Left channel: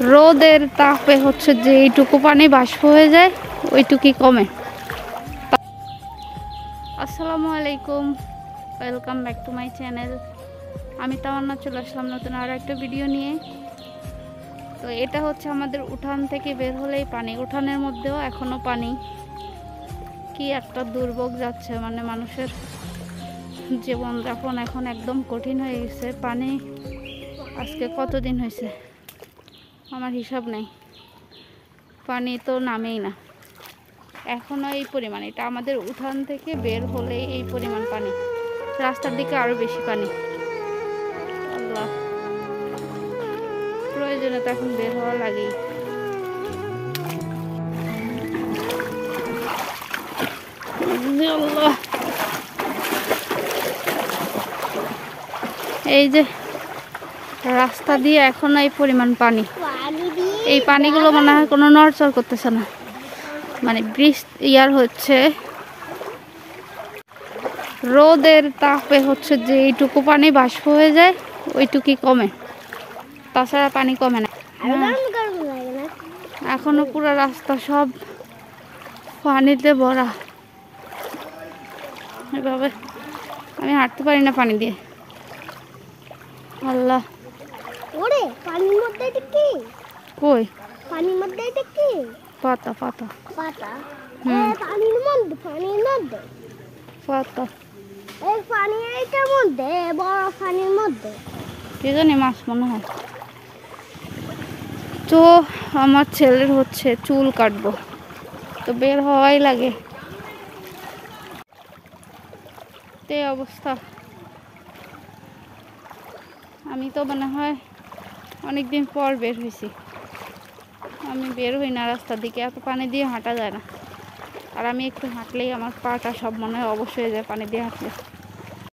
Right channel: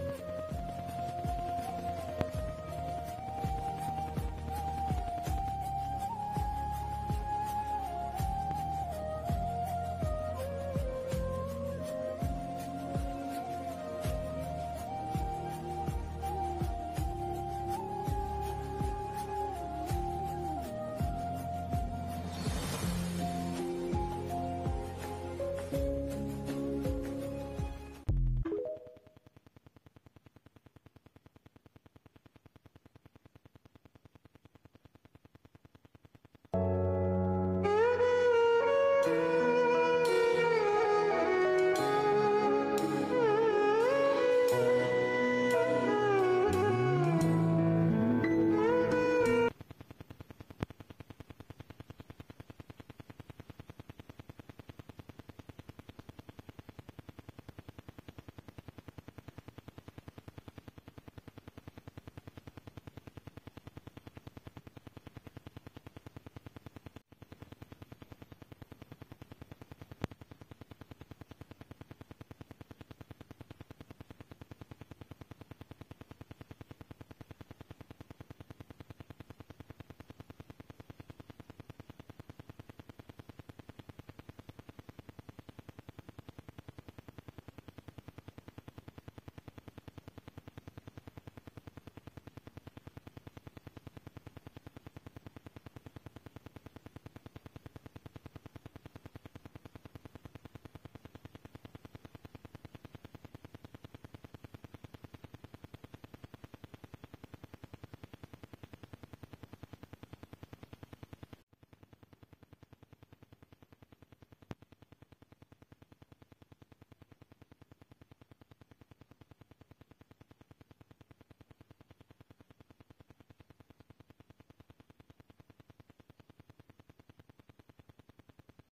রোদের তাপে হচ্ছে যে এইটুকু পানি বাষ্প হয়ে যায় ওইটুকুই কমে। আসসালামু আলাইকুম, welcome back to my channel. আমি তামান্না চলে আসলাম নতুন আরও একটা ভিডিও নিয়ে। তো এটা হচ্ছে আমাদের উঠান থেকে বের হলেই পানি, উঠানের মধ্যেও এখনো পানি। কি একটা দুর্ভোগ যাচ্ছে, মানে মানুষের জীবনযাপন এখন একদম কঠিন হয়ে গেছে। পানি আজকে কতদিন হয়েছে আমার হিসাব নেই, পানি তো নামেই না। এখনও এই পরিমাণ, এটা আমাদের উঠান থেকে বের হলেই এই পরিমাণ পানি, রাস্তার দিকে আরও বেশি পানি। আল্লাহ, প্রয়োজনে তো এখন বের হওয়া লাগেই। আল্লাহ, এই যে রাস্তা দিয়ে এখনো এই পরিমাণ পানি, এই পানিগুলো মনে হয় কোনো নড়চড় করতেছে না, মানে বৃষ্টি হচ্ছে, রোদের তাপে হচ্ছে যে এইটুকু পানি বাষ্প হয়ে যায় ওইটুকুই কমে, তাছাড়া পানি কমে না। এখনো পুরো রাস্তা সব পানিতে ভরা, এভাবে আমি হাঁটতে পারি না পানি দিয়ে। আল্লাহ, ওরে পানির মধ্যে এটা কি? কই পানির মধ্যে এটা কি? পাতা পাতা পাতা। হুম, পানির মধ্যে পাতা, এই পানি এইটার মধ্যে, বড় পানির মধ্যে কি জানি মাছ মনে হয়। তো আমার ছেলের হচ্ছে চুল কাটবো, তো বের হওয়াই লাগে, এই অবস্থা। আমি তো মনে হয় অনেকদিন পর বের হয়েছি, আমি বের হই না রাস্তার দিকে, এত পানি দিয়ে হাঁটা যায় না। আর আমি একটু হাঁটলেই আমার পাটা সব মনে হয় অবশ্যই হয়ে যায় পানি দিয়ে হাঁটলে।